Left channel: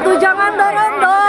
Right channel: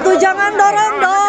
Tuh jangan dorong-dorong.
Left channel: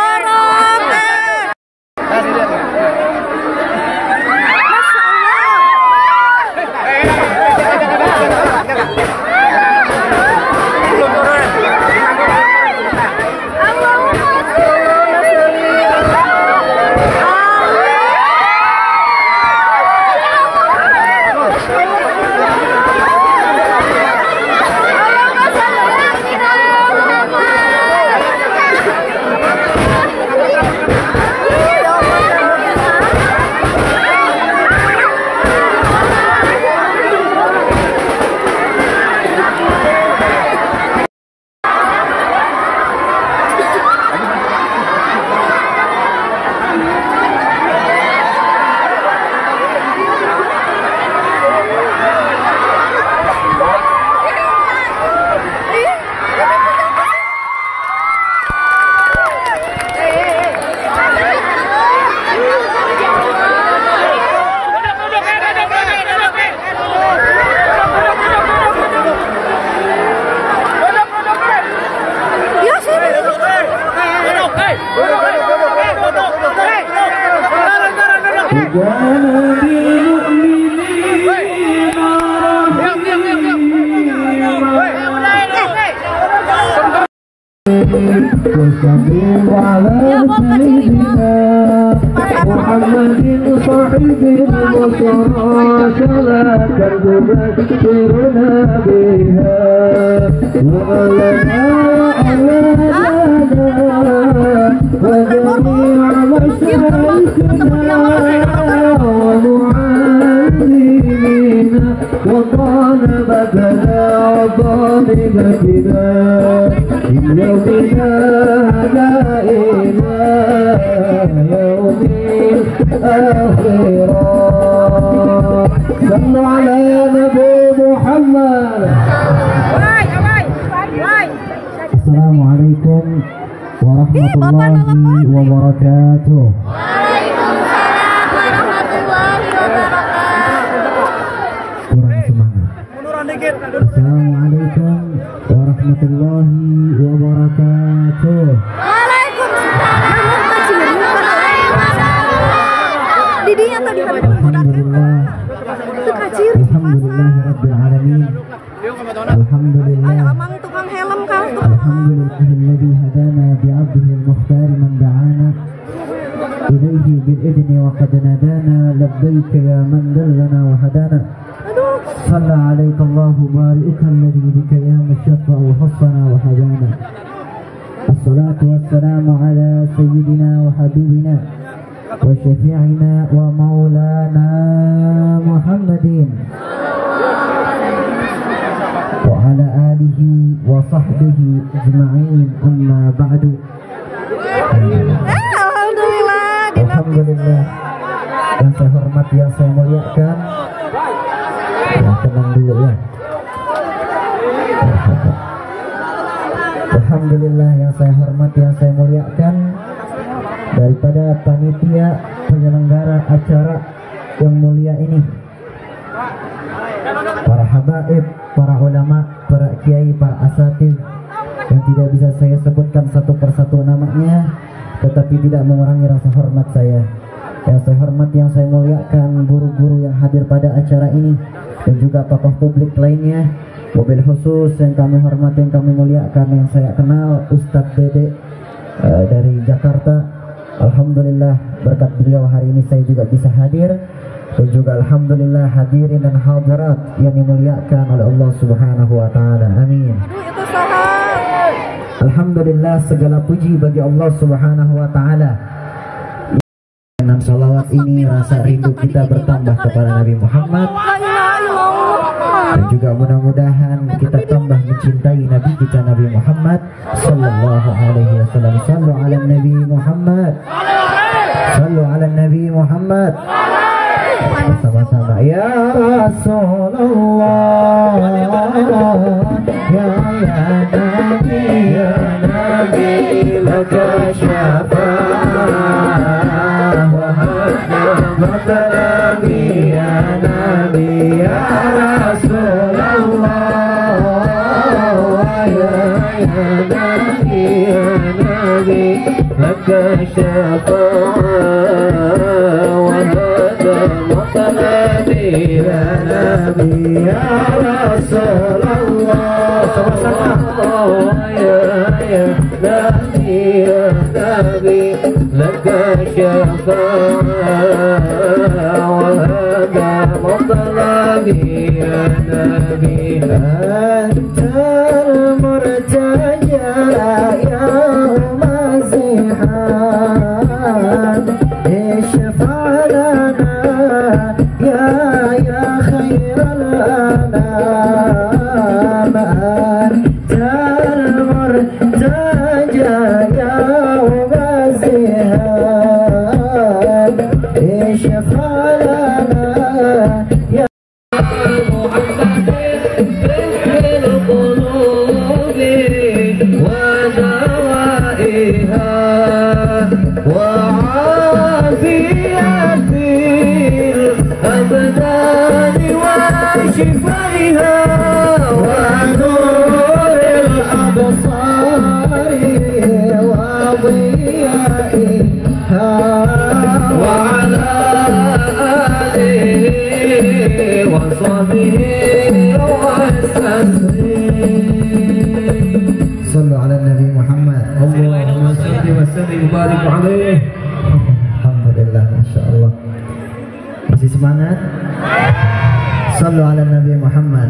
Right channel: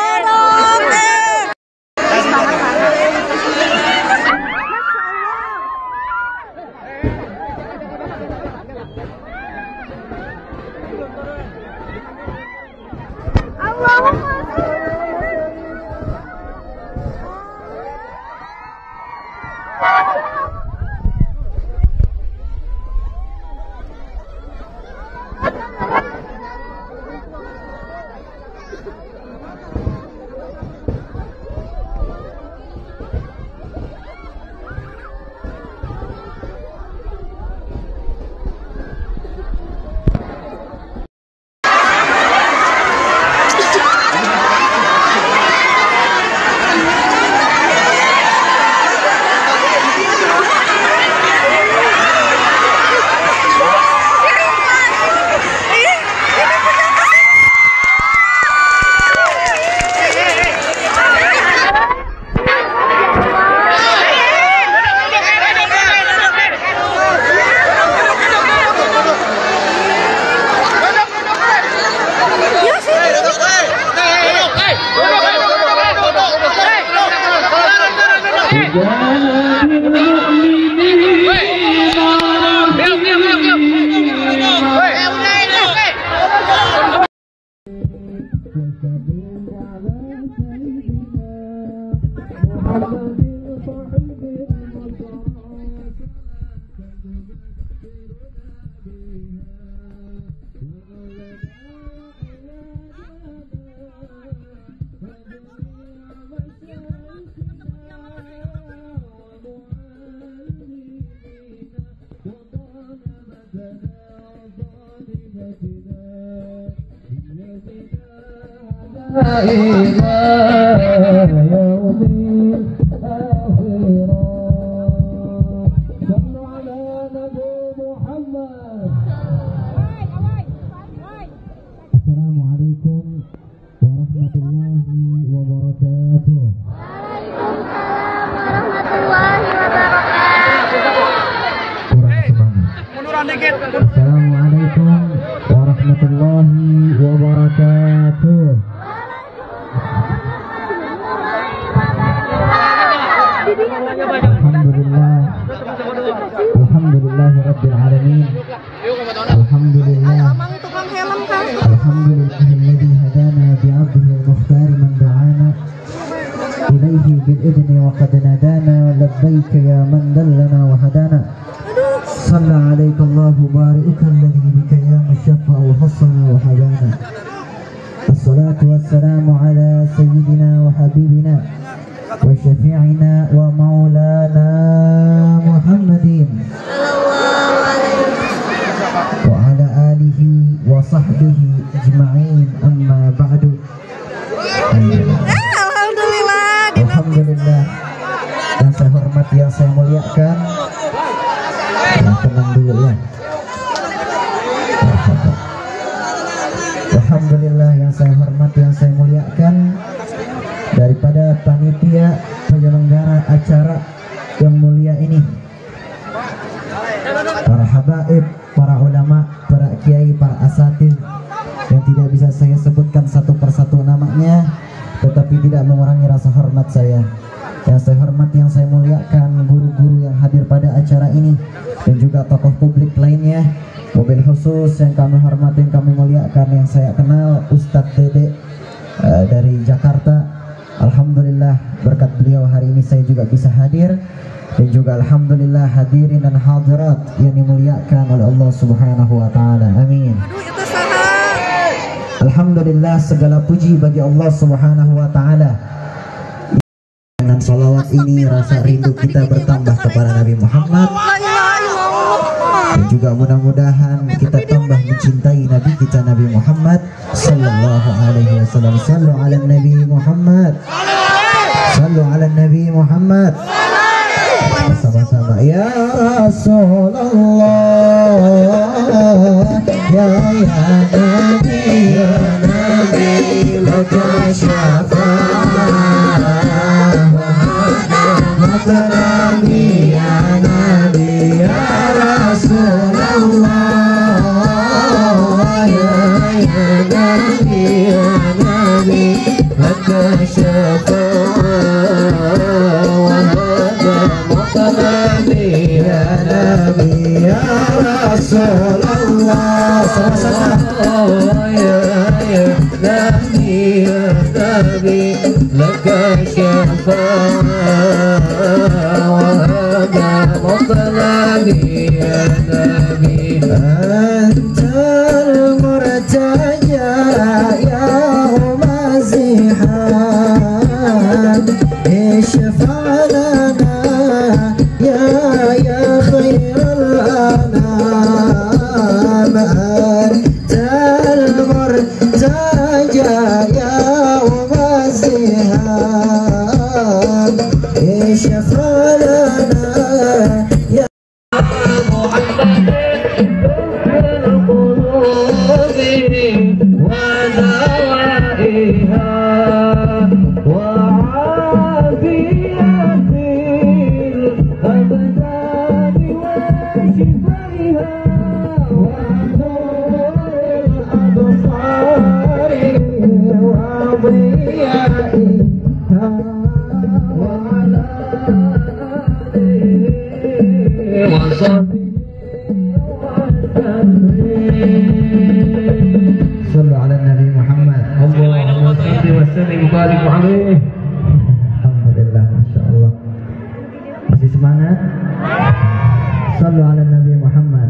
Assalamualaikum warahmatullahi wabarakatuh. Waalaikumsalam warahmatullahi wabarakatuh. Kurang semangat. Assalamualaikum warahmatullahi wabarakatuh. Waalaikumsalam warahmatullahi wabarakatuh. Didinya tadi Alhamdulillah. Alhamdulillah rabbil alamin. Alhamdulillah. Amang tukang helm kan. Alhamdulillahilladzi hadana bi'abdihi al-mukhtar man da'ana ilayhi bil-idni wa qad nadana labbaika ya man dallana wa hadana. Salla alayka Allahu barika alladhi bika ya mushaffa wa hassana wa habana. As-salatu wassalamu ala sayyidina wa habibina wa syafi'ina wa maulana Muhammadin wa ala alihi wa sahbihi ajma'in, amma ba'du. Alhamdulillah. Alhamdulillah, yang saya hormati, yang saya muliakan, yang mulia ini, para habaib, para ulama, para kiai, para asatidz yang tidak bisa saya sebutkan satu persatu namanya, tetapi tidak mengurangi rasa hormat saya. Yang saya hormat, yang saya muliakan guru-guru yang hadir pada acara ini, dan juga tokoh publik lainnya. Wabil khusus yang kami hormati, yang kami muliakan, yang saya kenal Ustadz Dede dari Jakarta. Alhamdulillah berkat beliau hari ini saya juga bisa hadir, dan juga alhamdulillah hadirin dan hadirat yang dimuliakan oleh Allah Subhanahu wa taala. Amin. Alhamdulillah, segala puji bagi Allah Subhanahu wa taala. Dengan salawat ini rasa rindu kita bertambah kepada Nabi Muhammad, dan juga mudah-mudahan kita tambah mencintai Nabi kita Nabi Muhammad sallallahu alaihi wasallam. Sallu ala Nabi Muhammad, sallu ala Nabi Muhammad. Sama-sama. Ya Rasulullah, ya Nabi, ya Nabi, laka syafa'ah wa Nabi, ya Nabi, ya Rasulullah, ya Nabi, ya Nabi, laka syafa'ah ya Nabi, ya Rasulullah. Sama-sama. Ya Nabi, ya Nabi, laka syafa'ah wa hada muqlabi ya Nabi. Antal murtaja ya mazihan, ishfa'lana ya khairal anam. Antal murtaja ya mazihan, ishfa'lana ya Muhammad Sallu ala Nabi Muhammad. Allahumma salli wa sallim wa barik alaihi. Alhamdulillah, Masya Allah. Masih semangat? Sallu ala Nabi Muhammad.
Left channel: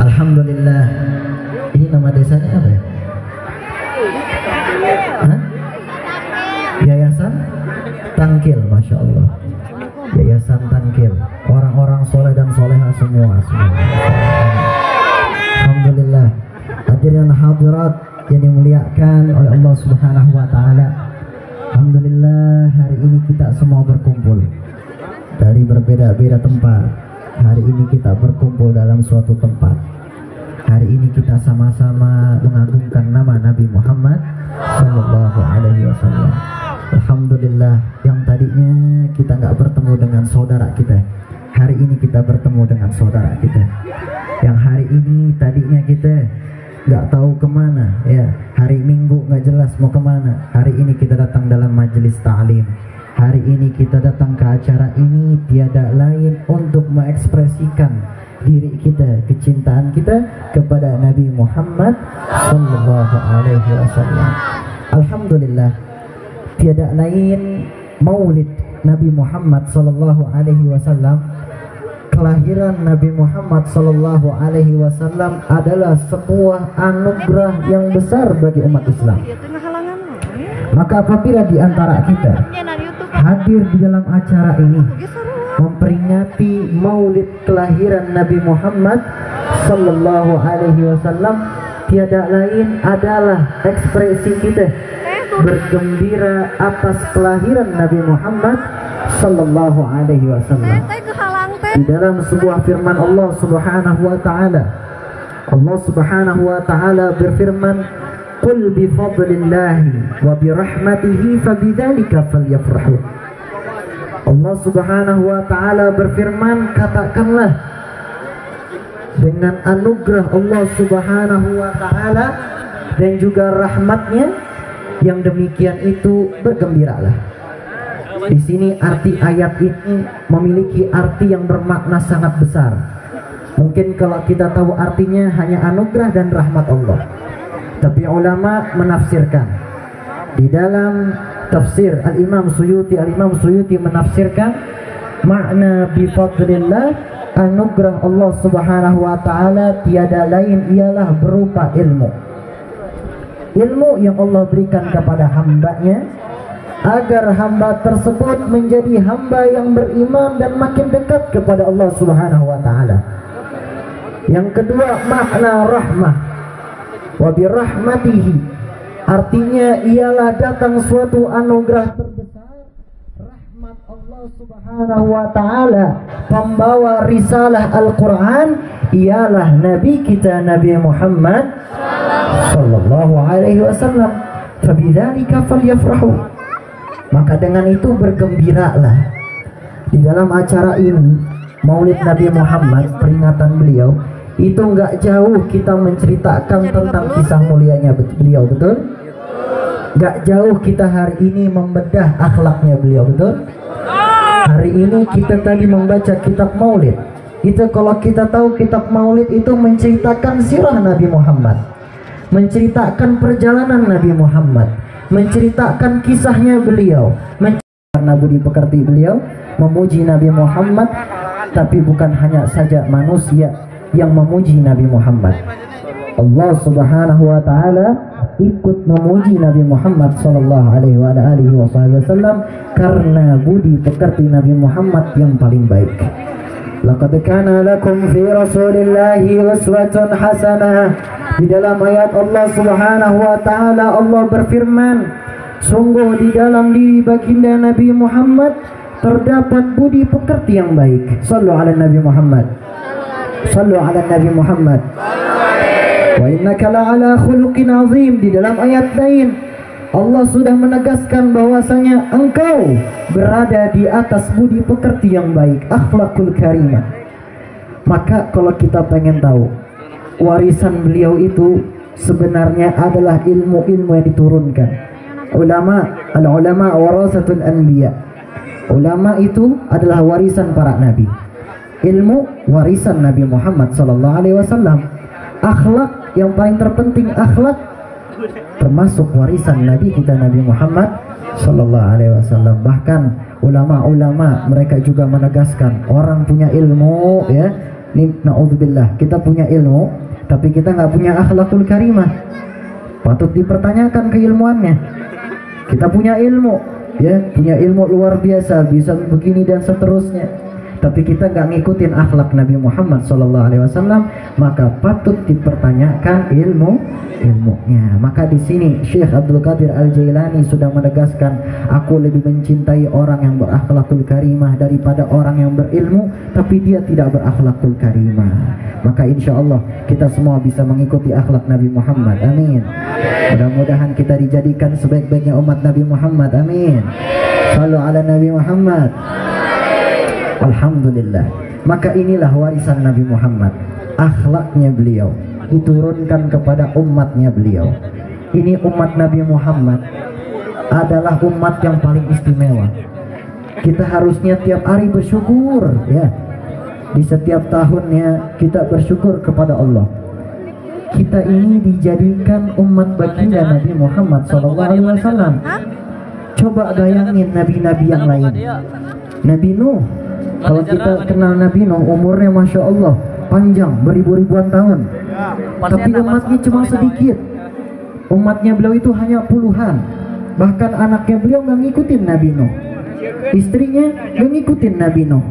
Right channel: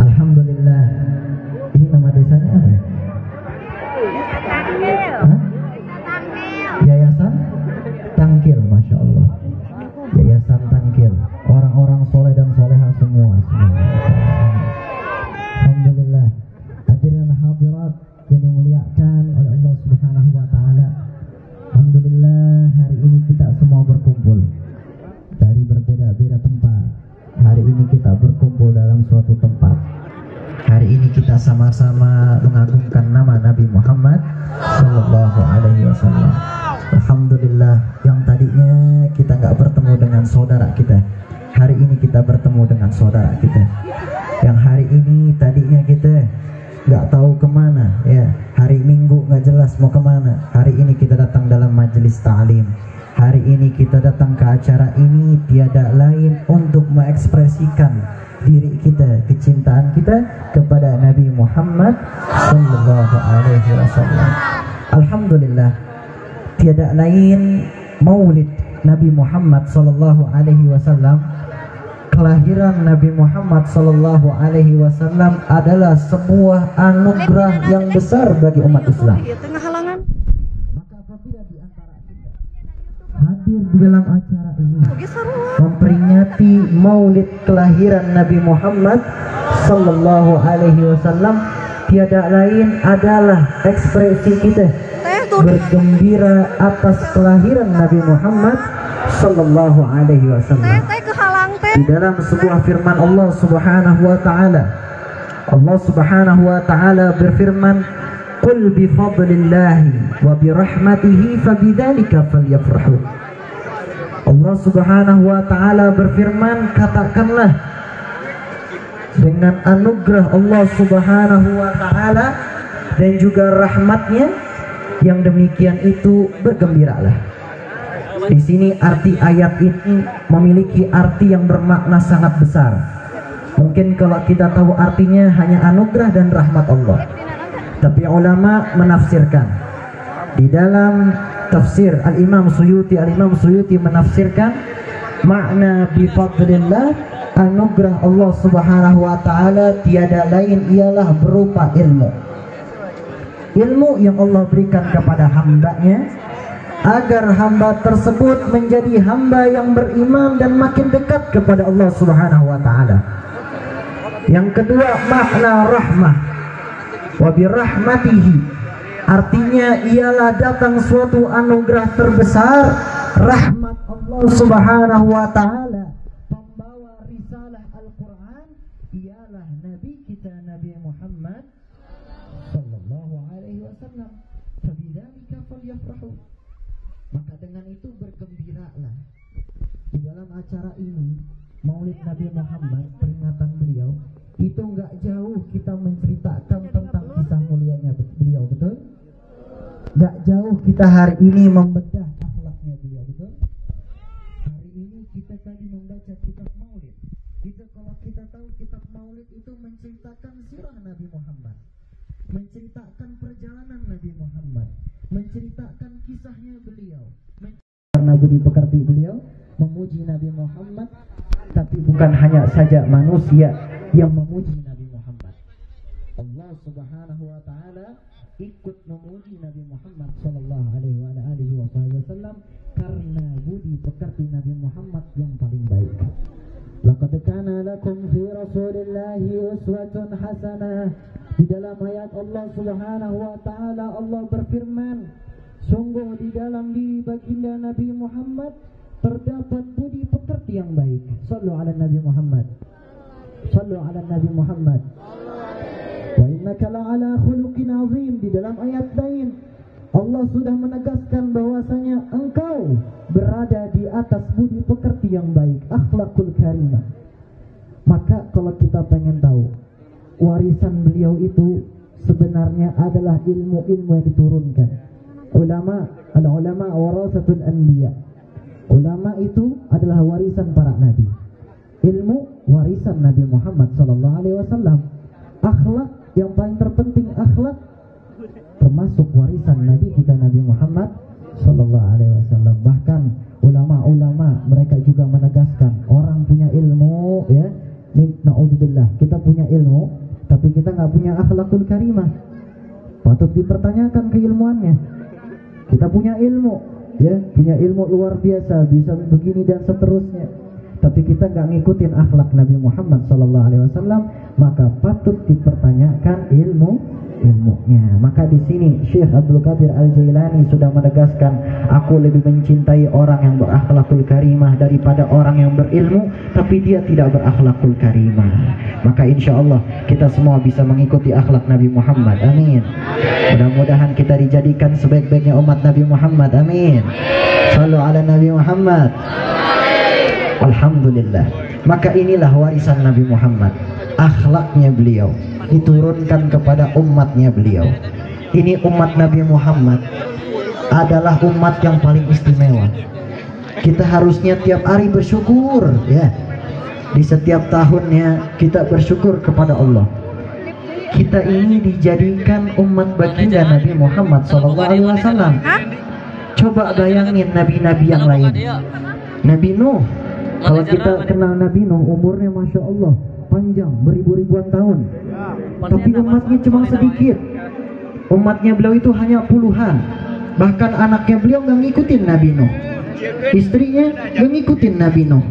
Alhamdulillah. Ini nama desanya apa ya? Hah? Yayasan Tangkil, Masya Allah. Yayasan Tangkil, orang-orang soleh dan soleha semua. Alhamdulillah. Hadirin hadirat yang dimuliakan oleh Allah Subhanahu wa taala. Alhamdulillah, hari ini kita semua berkumpul dari berbeda-beda tempat. Hari ini kita berkumpul dalam suatu tempat. Hari ini kita sama-sama mengagungkan nama Nabi Muhammad sallallahu alaihi wasallam. Alhamdulillah, yang tadinya kita nggak bertemu dengan saudara kita, hari ini kita bertemu dengan saudara kita. Yang hari ini tadinya kita nggak tahu kemana, ya, hari Minggu nggak jelas mau kemana, hari ini kita datang dalam majelis ta'lim. Hari ini kita datang ke acara ini tiada lain untuk mengekspresikan diri kita, kecintaan kita kepada Nabi Muhammad sallallahu alaihi wasallam. Alhamdulillah, tiada lain maulid Nabi Muhammad sallallahu alaihi wasallam. Kelahiran Nabi Muhammad sallallahu alaihi wasallam adalah sebuah anugerah yang besar bagi umat Islam. Maka apabila di antara kita hadir di dalam acara ini memperingati maulid kelahiran Nabi Muhammad sallallahu alaihi wasallam, tiada lain adalah ekspresi kita bergembira atas kelahiran Nabi Muhammad sallallahu alaihi wasallam. Di dalam sebuah firman Allah Subhanahu wa taala, Allah Subhanahu wa taala berfirman, "Qul bi fadlillahi wa bi rahmatihi fabidzalika falyafrahu." Allah Subhanahu wa ta'ala berfirman, katakanlah dengan anugerah Allah Subhanahu wa ta'ala dan juga rahmatnya yang demikian itu bergembiralah. Di sini arti ayat ini memiliki arti yang bermakna sangat besar. Mungkin kalau kita tahu artinya hanya anugerah dan rahmat Allah, tapi ulama menafsirkan di dalam tafsir Al-Imam Suyuti menafsirkan makna bifadlillah, anugerah Allah Subhanahu wa ta'ala tiada lain ialah berupa ilmu yang Allah berikan kepada hambanya agar hamba tersebut menjadi hamba yang beriman dan makin dekat kepada Allah Subhanahu wa ta'ala. Yang kedua, makna rahmah, wa birahmatihi, artinya ialah datang suatu anugerah terbesar, rahmat Allah Subhanahu wa ta'ala. Pembawa risalah Al-Quran ialah Nabi kita Nabi Muhammad sallallahu alaihi wasallam. Fabidzalika falyafrahu, maka dengan itu bergembiralah. Di dalam acara ini, Maulid Nabi Muhammad, peringatan beliau, itu nggak jauh kita menceritakan tentang kisah mulianya beliau, betul? Nggak jauh kita hari ini membedah akhlaknya beliau, betul? Hari ini kita tadi membaca kitab Maulid. Itu kalau kita tahu kitab Maulid itu menceritakan sirah Nabi Muhammad, menceritakan perjalanan Nabi Muhammad, menceritakan kisahnya beliau, karena budi pekerti beliau memuji Nabi Muhammad. Tapi bukan hanya saja manusia yang memuji Nabi Muhammad, Allah Subhanahu wa ta'ala ikut memuji Nabi Muhammad sallallahu alaihi wasallam karena budi pekerti Nabi Muhammad yang paling baik. Laqad kana lakum fi Rasulillahi uswatun hasanah. Di dalam ayat Allah Subhanahu wa ta'ala Allah berfirman, sungguh di dalam diri baginda Nabi Muhammad terdapat budi pekerti yang baik. Sallu ala Nabi Muhammad. Sallu ala Nabi Muhammad. Wa innaka la'ala khuluqin azim. Di dalam ayat lain Allah sudah menegaskan bahwasanya engkau berada di atas budi pekerti yang baik, akhlakul karimah. Maka kalau kita pengen tahu warisan beliau itu sebenarnya adalah ilmu-ilmu yang diturunkan. Al-ulama warasatul anbiya. Ulama itu adalah warisan para nabi. Ilmu warisan Nabi Muhammad sallallahu alaihi wasallam. Akhlak yang paling terpenting, akhlak termasuk warisan Nabi kita Nabi Muhammad sallallahu alaihi wasallam. Bahkan ulama-ulama mereka juga menegaskan orang punya ilmu, ya, naudzubillah, kita punya ilmu tapi kita nggak punya akhlakul karimah, patut dipertanyakan keilmuannya. Kita punya ilmu, ya, punya ilmu luar biasa, bisa begini dan seterusnya, tapi kita nggak ngikutin akhlak Nabi Muhammad SAW, maka patut dipertanyakan ilmunya. Maka di sini Syekh Abdul Qadir Al-Jailani sudah menegaskan, aku lebih mencintai orang yang berakhlakul karimah daripada orang yang berilmu tapi dia tidak berakhlakul karimah. Maka insya Allah kita semua bisa mengikuti akhlak Nabi Muhammad. Amin. Mudah-mudahan kita dijadikan sebaik-baiknya umat Nabi Muhammad. Amin. Sallu ala Nabi Muhammad. Alhamdulillah. Maka inilah warisan Nabi Muhammad, akhlaknya beliau diturunkan kepada umatnya beliau. Ini umat Nabi Muhammad adalah umat yang paling istimewa. Kita harusnya tiap hari bersyukur, ya. Di setiap tahunnya kita bersyukur kepada Allah. Kita ini dijadikan umat baginda Nabi Muhammad SAW. Coba bayangin nabi-nabi yang lain. Nabi Nuh, kalau kita kenal Nabi Nuh, umurnya Masya Allah panjang, beribu-ribuan tahun, tapi umatnya cuma sedikit. Umatnya beliau itu hanya puluhan. Bahkan anaknya beliau nggak ngikutin Nabi Nuh, istrinya nggak ngikutin Nabi Nuh,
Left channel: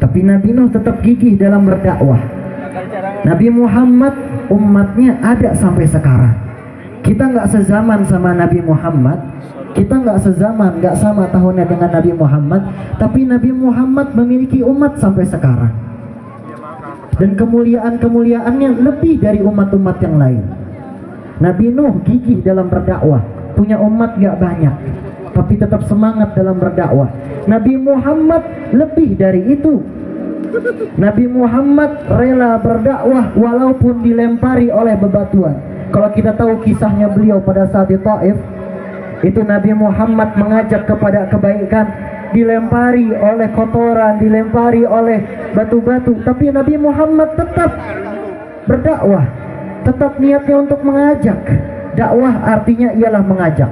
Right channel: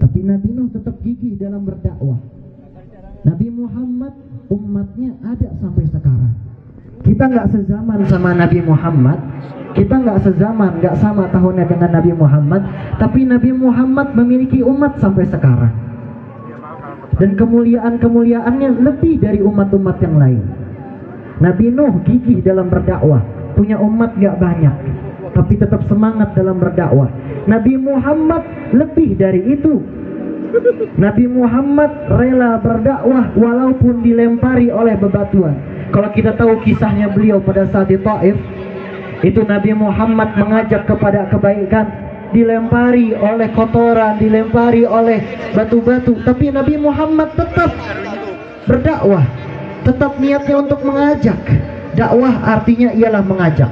tapi Nabi Nuh tetap gigih dalam berdakwah. Nabi Muhammad umatnya ada sampai sekarang. Kita nggak sezaman sama Nabi Muhammad, kita nggak sezaman, nggak sama tahunnya dengan Nabi Muhammad, tapi Nabi Muhammad memiliki umat sampai sekarang. Dan kemuliaan-kemuliaannya lebih dari umat-umat yang lain. Nabi Nuh gigih dalam berdakwah, punya umat gak banyak, tapi tetap semangat dalam berdakwah. Nabi Muhammad lebih dari itu. Nabi Muhammad rela berdakwah walaupun dilempari oleh bebatuan. Kalau kita tahu kisahnya beliau pada saat di Taif, itu Nabi Muhammad mengajak kepada kebaikan, dilempari oleh kotoran, dilempari oleh batu-batu, tapi Nabi Muhammad tetap berdakwah, tetap niatnya untuk mengajak. Dakwah artinya ialah mengajak.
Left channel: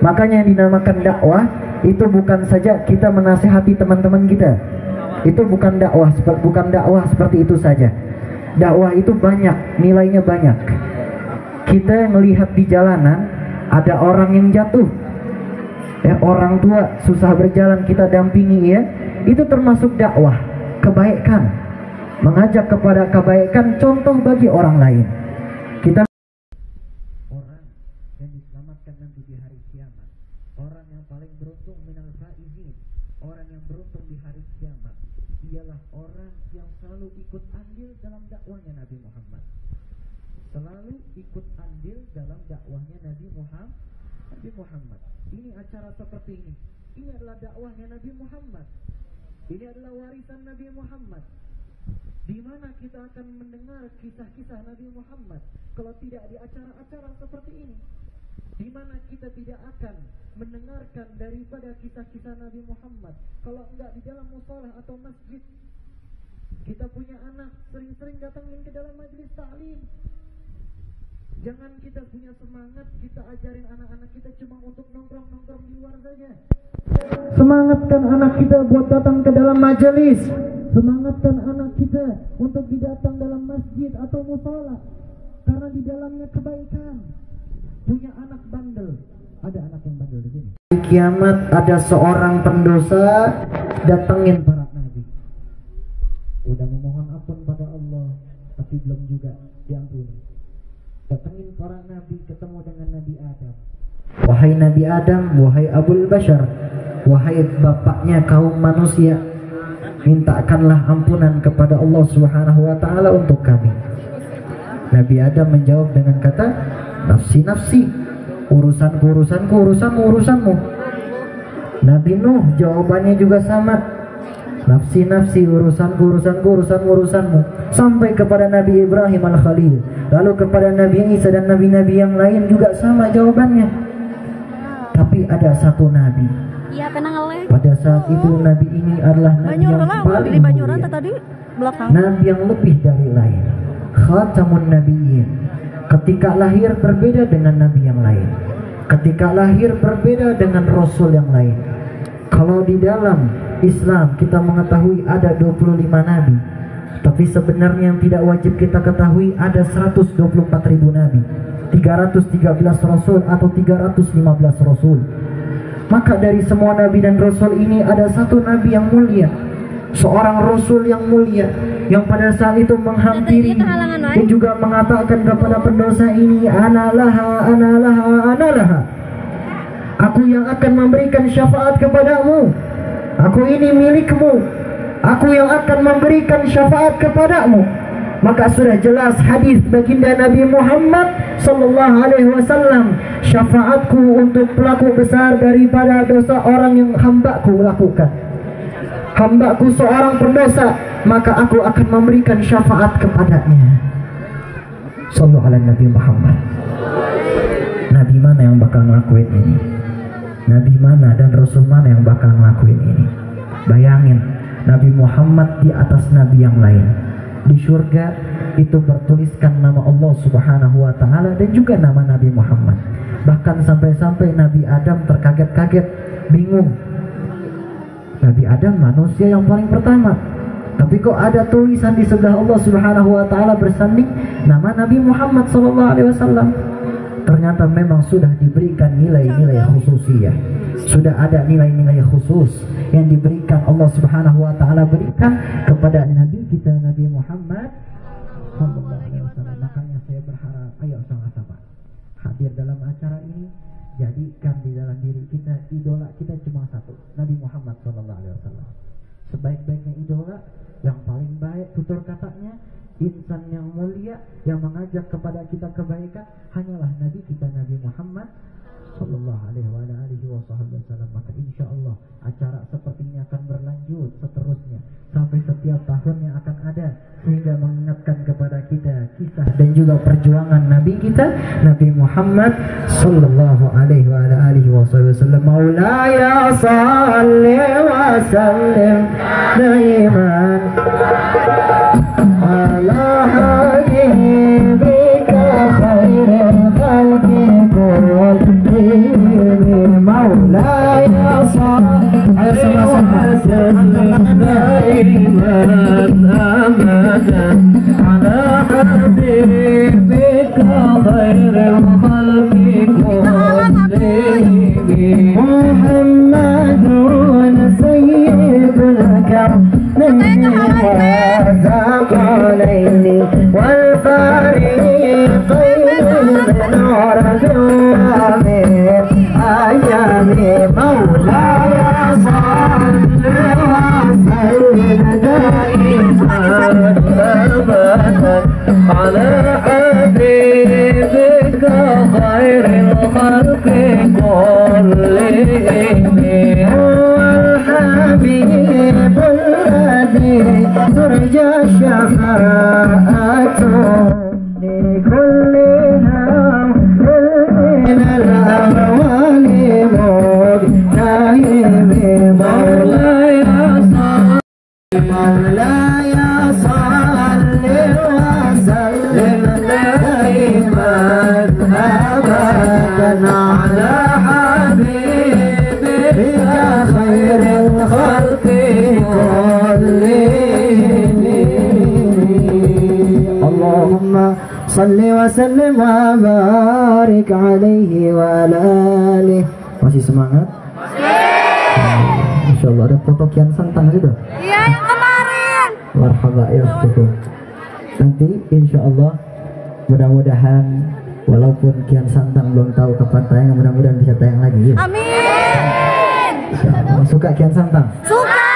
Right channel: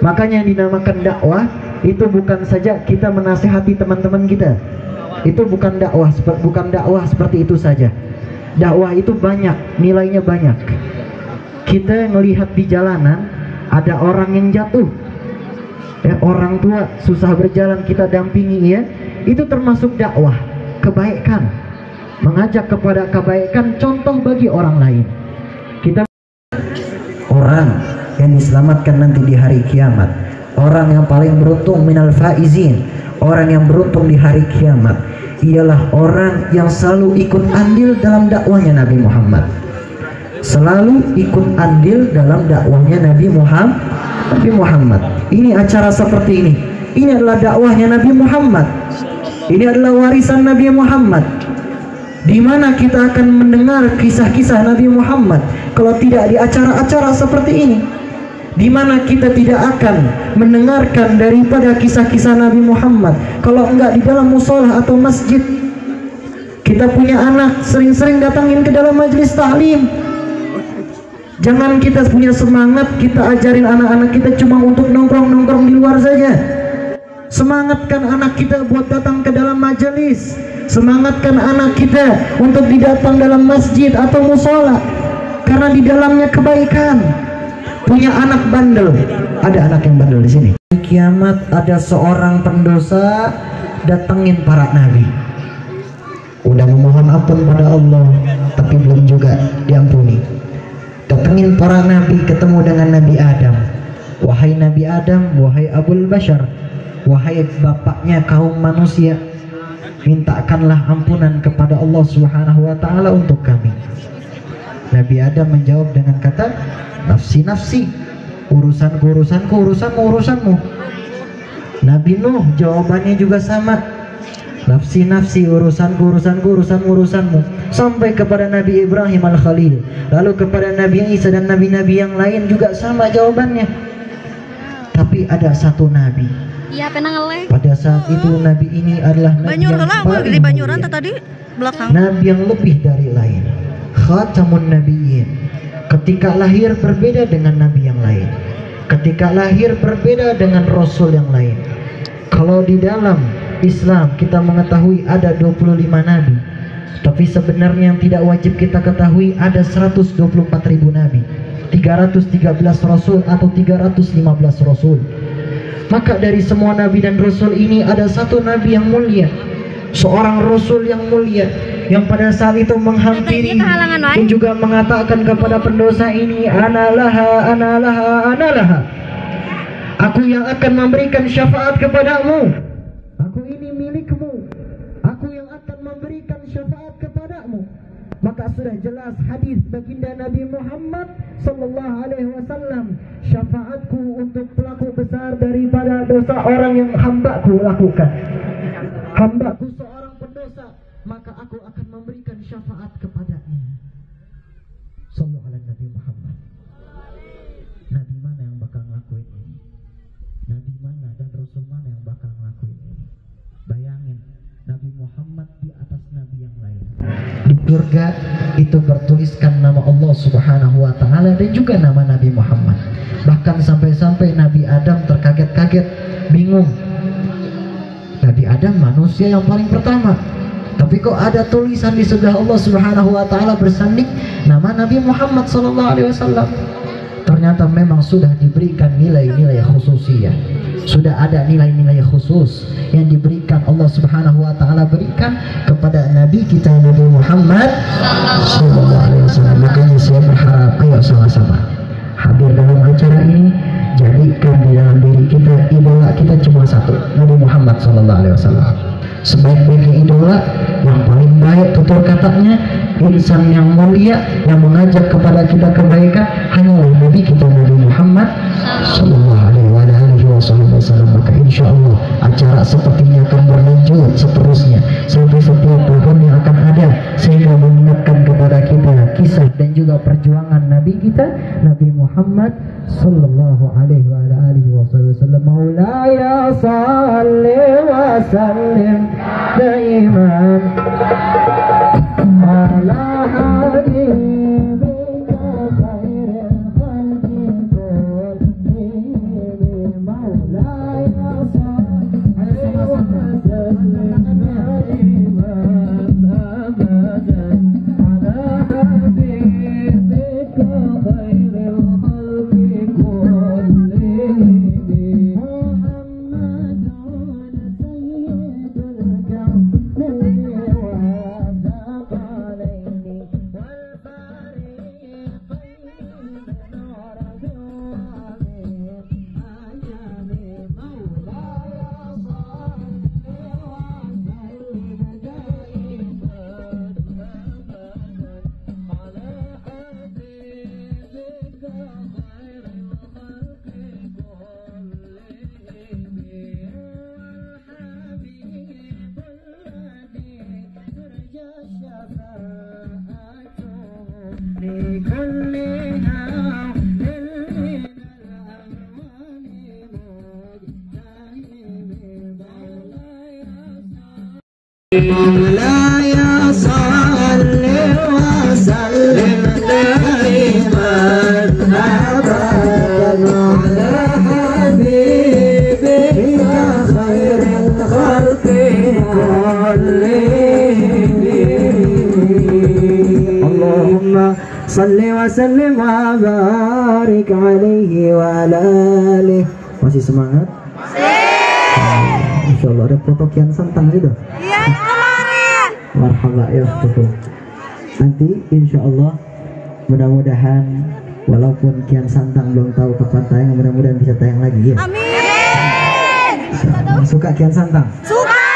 Makanya yang dinamakan dakwah itu bukan saja kita menasihati teman-teman kita. Itu bukan dakwah seperti itu saja. Dakwah itu banyak, nilainya banyak. Kita melihat di jalanan ada orang yang jatuh, orang tua susah berjalan, kita dampingi ya. Itu termasuk dakwah, kebaikan, mengajak kepada kebaikan, contoh bagi orang lain. Kita orang yang diselamatkan nanti di hari kiamat, orang yang paling beruntung minal faizin, orang yang beruntung di hari kiamat ialah orang yang selalu ikut andil dalam dakwahnya Nabi Muhammad. Selalu ikut andil dalam dakwahnya Nabi Muhammad. Ini acara seperti ini. Ini adalah dakwahnya Nabi Muhammad. Ini adalah warisan Nabi Muhammad. Di mana kita akan mendengar kisah-kisah Nabi Muhammad kalau tidak di acara-acara seperti ini? Di mana kita tidak akan mendengarkan daripada kisah-kisah Nabi Muhammad kalau enggak di dalam musola atau masjid? Kita punya anak, sering-sering datangin ke dalam majelis taklim. Jangan kita punya semangat kita ajarin anak-anak kita cuma untuk nongkrong-nongkrong di luar saja. Semangatkan anak kita buat datang ke dalam majelis. Semangatkan anak kita untuk didatang dalam masjid atau musola, karena di dalamnya kebaikan. Punya anak bandel, ada anak yang bandel di sini. Di kiamat ada seorang pendosa datengin para nabi. Udah memohon ampun pada Allah, tapi belum juga diampuni. Datengin para nabi, ketemu dengan Nabi Adam. Wahai Nabi Adam, wahai Abul Bashar, wahai bapaknya kaum manusia, mintakanlah ampunan kepada Allah Subhanahu wa ta'ala untuk kami. Nabi Adam menjawab dengan kata, nafsi nafsi, urusanku urusanku, urusanmu urusanmu. Nabi Nuh jawabannya juga sama, nafsi nafsi, urusanku urusanku, urusanmu urusanmu. Sampai kepada Nabi Ibrahim al-Khalil, lalu kepada Nabi Isa dan nabi-nabi yang lain juga sama jawabannya. Tapi ada satu nabi, pada saat itu nabi ini adalah nabi yang paling mulia, nabi yang lebih dari lain, khatamun nabiyyin. Ketika lahir berbeda dengan nabi yang lain, ketika lahir berbeda dengan rasul yang lain. Kalau di dalam Islam kita mengetahui ada 25 nabi, tapi sebenarnya yang tidak wajib kita ketahui ada 124.000 nabi, 313 rasul atau 315 rasul. Maka dari semua nabi dan rasul ini ada satu nabi yang mulia, seorang rasul yang mulia, yang pada saat itu menghampiri dan juga mengatakan kepada pendosa ini, analaha, analaha, analaha, aku yang akan memberikan syafaat kepadamu, aku ini milikmu, aku yang akan memberikan syafaat kepadamu. Maka sudah jelas hadis baginda Nabi Muhammad sallallahu alaihi wasallam, syafaatku untuk pelaku besar daripada dosa orang yang hambaku lakukan. Hambaku seorang pendosa, maka aku akan memberikan syafaat kepadanya. Sallallahu ala Nabi Muhammad. Nabi mana yang bakal ngelakuin ini? Nabi mana dan Rasul mana yang bakal ngelakuin ini? Bayangin, Nabi Muhammad di atas Nabi yang lain. Di surga itu bertuliskan nama Allah Subhanahu wa ta'ala dan juga nama Nabi Muhammad. Bahkan sampai-sampai Nabi Adam terkaget-kaget, bingung. Nabi Adam manusia yang paling pertama, tapi kok ada tulisan di sebelah Allah Subhanahu wa ta'ala bersanding nama Nabi Muhammad sallallahu alaihi wasallam. Ternyata memang sudah diberikan nilai-nilai khususiyah. Sudah ada nilai-nilai khusus yang diberikan Allah Subhanahu wa ta'ala berikan kepada Nabi kita Nabi Muhammad sallallahu alaihi wasallam. Makanya saya berharap ayo sama-sama hadir dalam acara ini, jadikan di dalam diri kita idola kita cuma satu, Nabi Muhammad sallallahu alaihi wasallam. sebaik-baiknya idola, yang paling baik tutur katanya, insan yang mulia yang mengajak kepada kita kebaikan hanyalah Nabi kita Nabi Muhammad sallallahu alaihi wasallam. Maka insya Allah acara seperti ini akan berlanjut seterusnya sampai setiap tahun yang akan ada, sehingga mengingatkan kepada kita kisah dan juga perjuangan Nabi kita Nabi Muhammad sallallahu alaihi wasallam. Maulaya salli wa sallim daiman ala habibika khairil khalqi kullihim. Maulaya salli wa sallim daiman abadan ala habibika khairil khalqi kullihim. محمد سيد الكرمين والثقلين والفريقين نور من أيام مولاي صل وسلم دائما أبدا على حبيبك خير الخلق كلهم. هو الحبيب الذي ترجى شفاعته لكل هم من الأهوال مجتهد. مولاي صل وسلم دائما أبدا على حبيبك خير الخلق كلهم. اللهم صل وسلم وبارك عليه وعلى آله. Masih semangat? Masya Allah, ada foto Kian Santang juga? Iya, yang kemarin. Marhaba ya, betul. Nanti insya Allah mudah-mudahan walaupun Kian Santang belum tahu kapan tayang, mudah-mudahan bisa tayang lagi ya. Amin. Suka Kian Santang? Suka.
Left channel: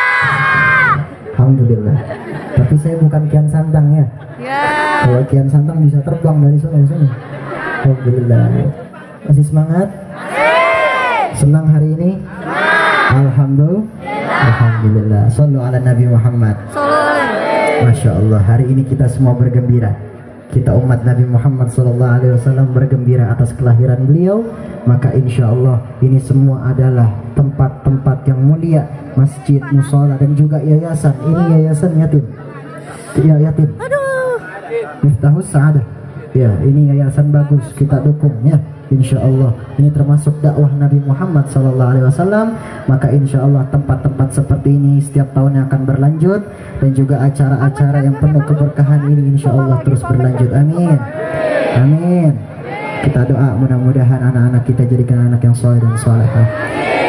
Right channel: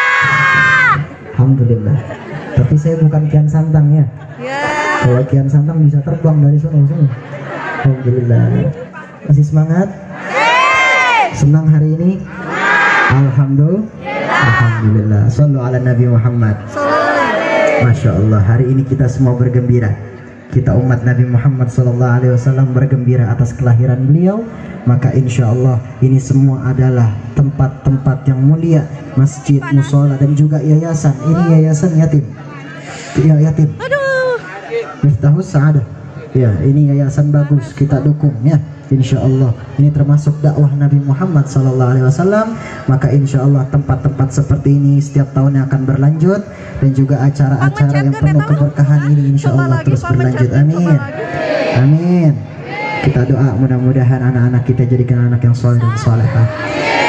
Alhamdulillah. Tapi saya bukan Kian Santang ya. Ya. Kalau Kian Santang bisa terbang dari sana ke sini. Alhamdulillah. Masih semangat? Senang hari ini? Alhamdulillah. Sallu ala Nabi Muhammad. Masya Allah, hari ini kita semua bergembira. Kita umat Nabi Muhammad SAW bergembira atas kelahiran beliau. Maka insya Allah ini semua adalah tempat-tempat yang mulia, masjid, musola dan juga yayasan. Ini yayasan yatim. Ya, yatim. Miftahus Sa'adah. Ya, ini yayasan bagus, kita dukung ya. Insya Allah ini termasuk dakwah Nabi Muhammad SAW. Maka insya Allah tempat-tempat seperti ini setiap tahunnya akan berlanjut, dan juga acara-acara yang penuh keberkahan ini insya Allah terus berlanjut. Amin. Amin. Kita doa mudah-mudahan anak-anak kita jadikan anak yang soleh dan solehah.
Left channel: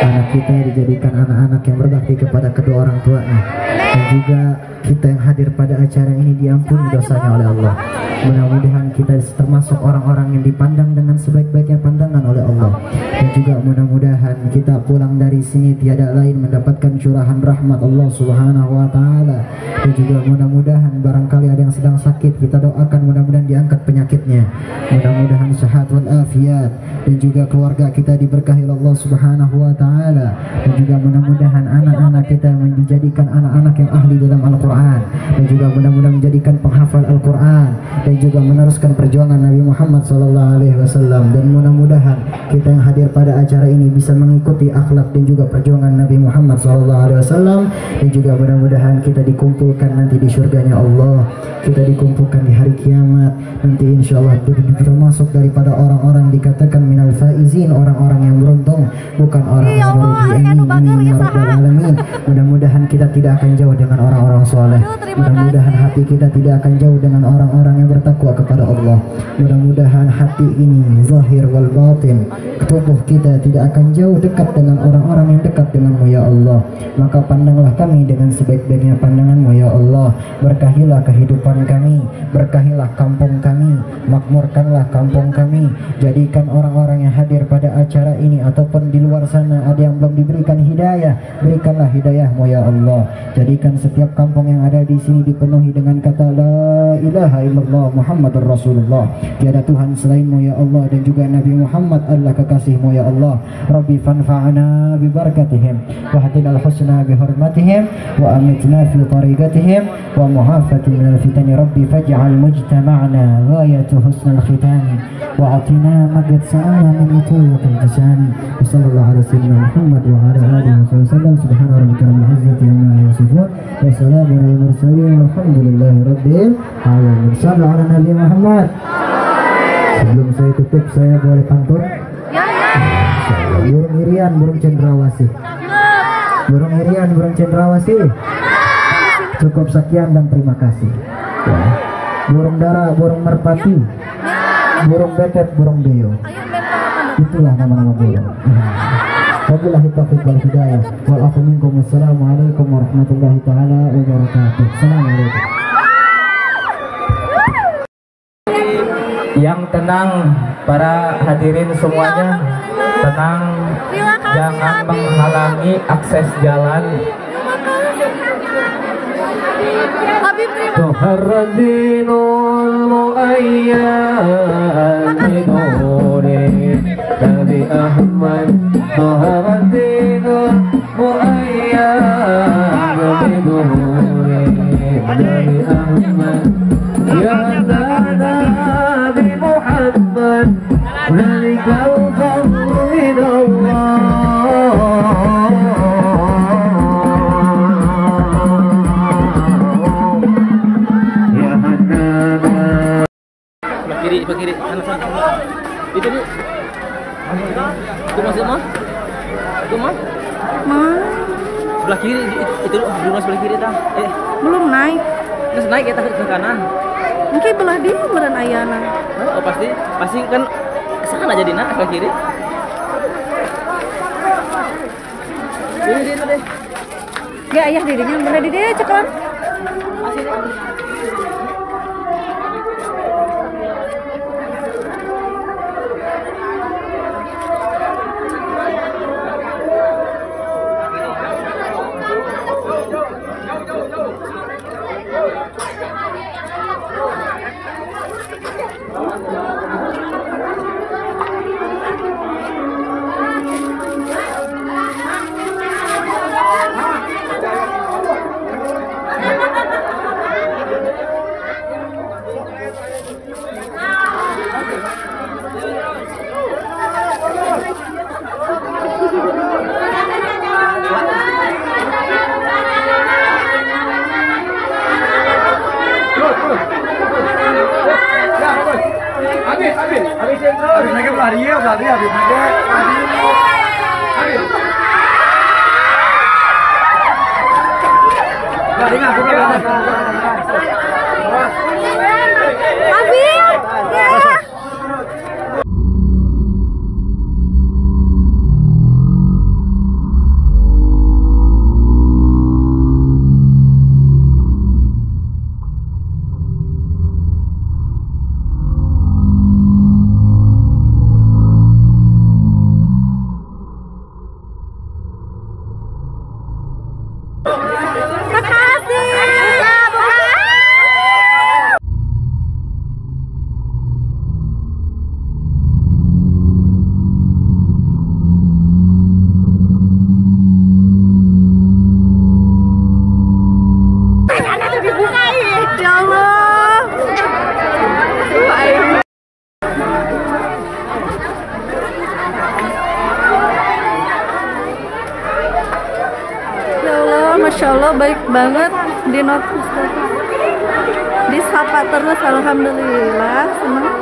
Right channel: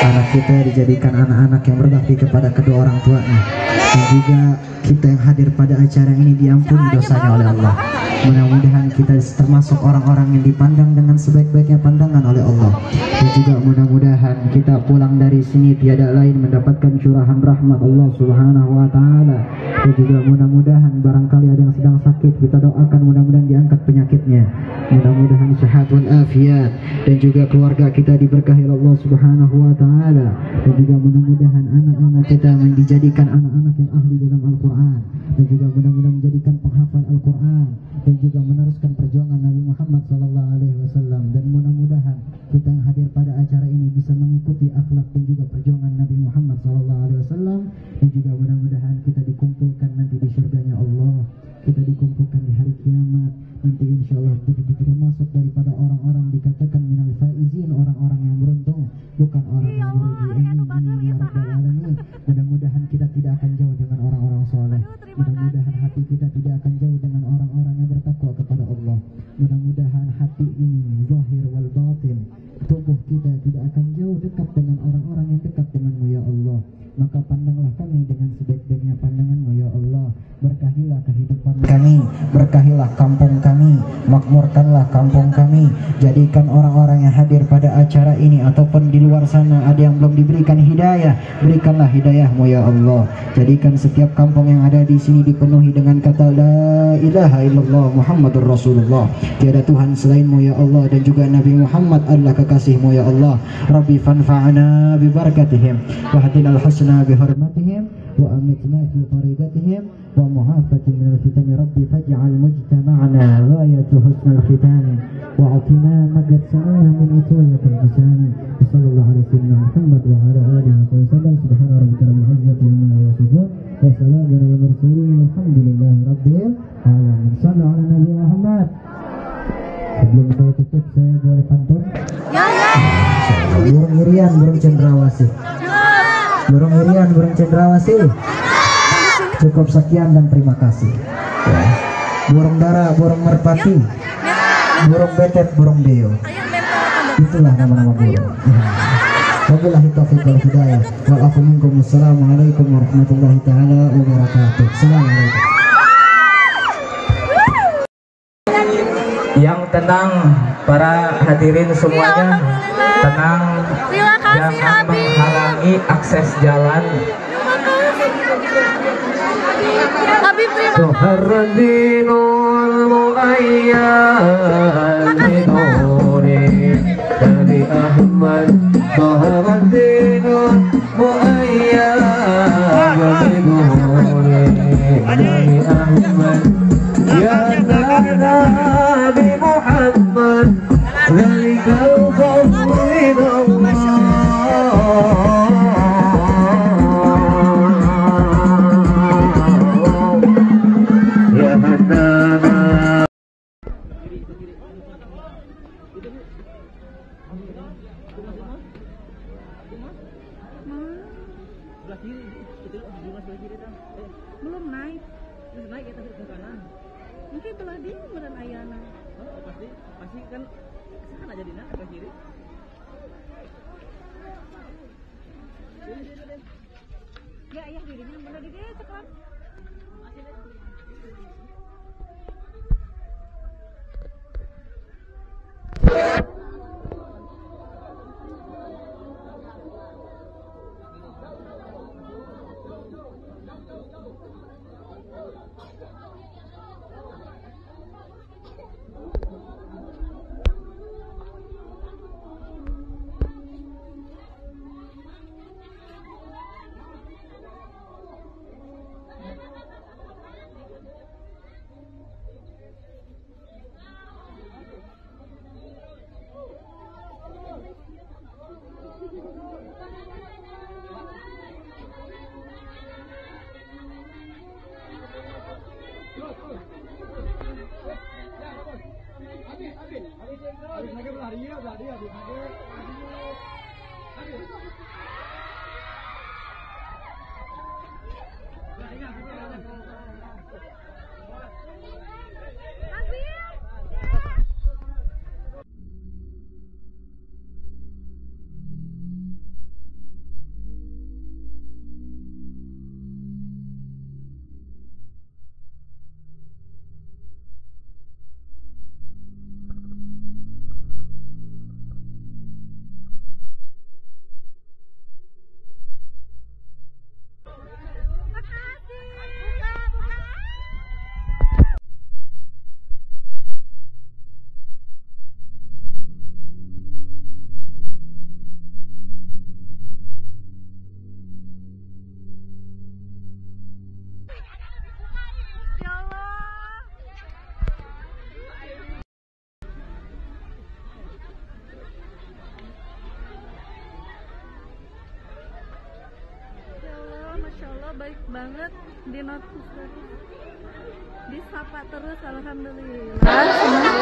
Anak kita dijadikan anak-anak yang berbakti kepada kedua orang tuanya, dan juga kita yang hadir pada acara ini diampuni dosanya oleh Allah. Mudah-mudahan kita termasuk orang-orang yang dipandang dengan sebaik-baiknya pandangan oleh Allah, dan juga mudah-mudahan kita pulang dari sini tiada lain mendapatkan curahan rahmat Allah Subhanahu wa taala. Dan juga mudah-mudahan barangkali ada yang sedang sakit, kita doakan mudah-mudahan diangkat penyakitnya, mudah-mudahan sehat wal afiat, dan juga keluarga kita diberkahi Allah Subhanahu wa taala, dan juga mudah-mudahan anak-anak kita yang dijadikan anak-anak yang ahli dalam Al-Quran, dan juga mudah-mudahan menjadikan penghafal Al-Quran, dan juga meneruskan perjuangan Nabi Muhammad SAW. Dan mudah-mudahan kita yang hadir pada acara ini bisa mengikuti akhlak dan juga perjuangan Nabi Muhammad SAW, dan juga mudah-mudahan kita dikumpulkan nanti di surganya Allah, kita dikumpulkan di hari kiamat nanti insya Allah, termasuk daripada orang-orang dikatakan minal faizin, orang-orang yang beruntung, bukan orang yang merugi. Amin ya rabbal alamin. Mudah-mudahan kita tidak akan jauh dengan orang-orang soleh. Mudah-mudahan hati kita tidak akan jauh dengan orang-orang yang bertakwa kepada Allah. Mudah-mudahan hati ini zahir wal batin, tubuh kita tidak akan jauh dekat dengan orang-orang yang dekat denganmu ya Allah. Maka pandanglah kami dengan sebaik-baiknya pandanganmu ya ya Allah. Berkahilah kehidupan kami, berkahilah kampung kami, makmurkanlah kampung kami. Jadikan orang-orang yang hadir pada acara ini ataupun di luar sana ada yang belum diberikan hidayah, berikanlah hidayahmu ya Allah. Jadikan setiap kampung yang ada di sini dipenuhi dengan kata la ilaha illallah Muhammadur Rasulullah. Tiada Tuhan selainmu ya Allah, dan juga Nabi Muhammad adalah kekasihmu ya Allah. Rabbi fanfa'na bi barakatihim wa hadinal husna bi hurmatihim wa amitna fi tariqatihim wa mu'afati minal fitani. Rabbi faj'al mujtama'na ghayatu husnal khitami wa atina magad sa'ana min utulatil jisani. Sallallahu ala sayyidina Muhammad wa ala alihi wa sallam. Subhana rabbika rabbil izzati amma yasifun wa salamun alal mursalin walhamdulillahi rabbil alamin. Sallallahu ala Nabi Muhammad. Sebelum saya tutup, saya boleh pantun? Ya. Burung irian, burung cendrawasih. Burung irian, burung cendrawasih. Cukup sekian dan terima kasih. Ya. Burung dara, burung merpati. Burung betet, burung beo. Itulah nama-nama burung. Wabillahi taufiq wal hidayah. Wal afu minkum. Wassalamualaikum warahmatullahi taala wabarakatuh. Assalamualaikum. Yang tenang para hadirin semuanya, tenang, jangan menghalangi akses jalan. Tuharradinul mu'ayyan biduri dari Ahmad. Tuharradinul mu'ayyan biduri dari Ahmad. Ya Nabi Muhammad, zalikal fadlu minallah. Ya Hanana. Sebelah kiri, sana. Itu Bu. Itu masuk mah? Itu mah? Sebelah kiri, itu rumah sebelah kiri dah. Belum naik. Terus naik kita ke kanan. Mungkin belah dia meren ayana. Oh pasti kan kesana jadi nak ke kiri. Ini dia deh. Gak ayah dirinya belah di dia cekan. Masih deh. Masya Allah baik banget di notice, disapa terus, alhamdulillah, senang.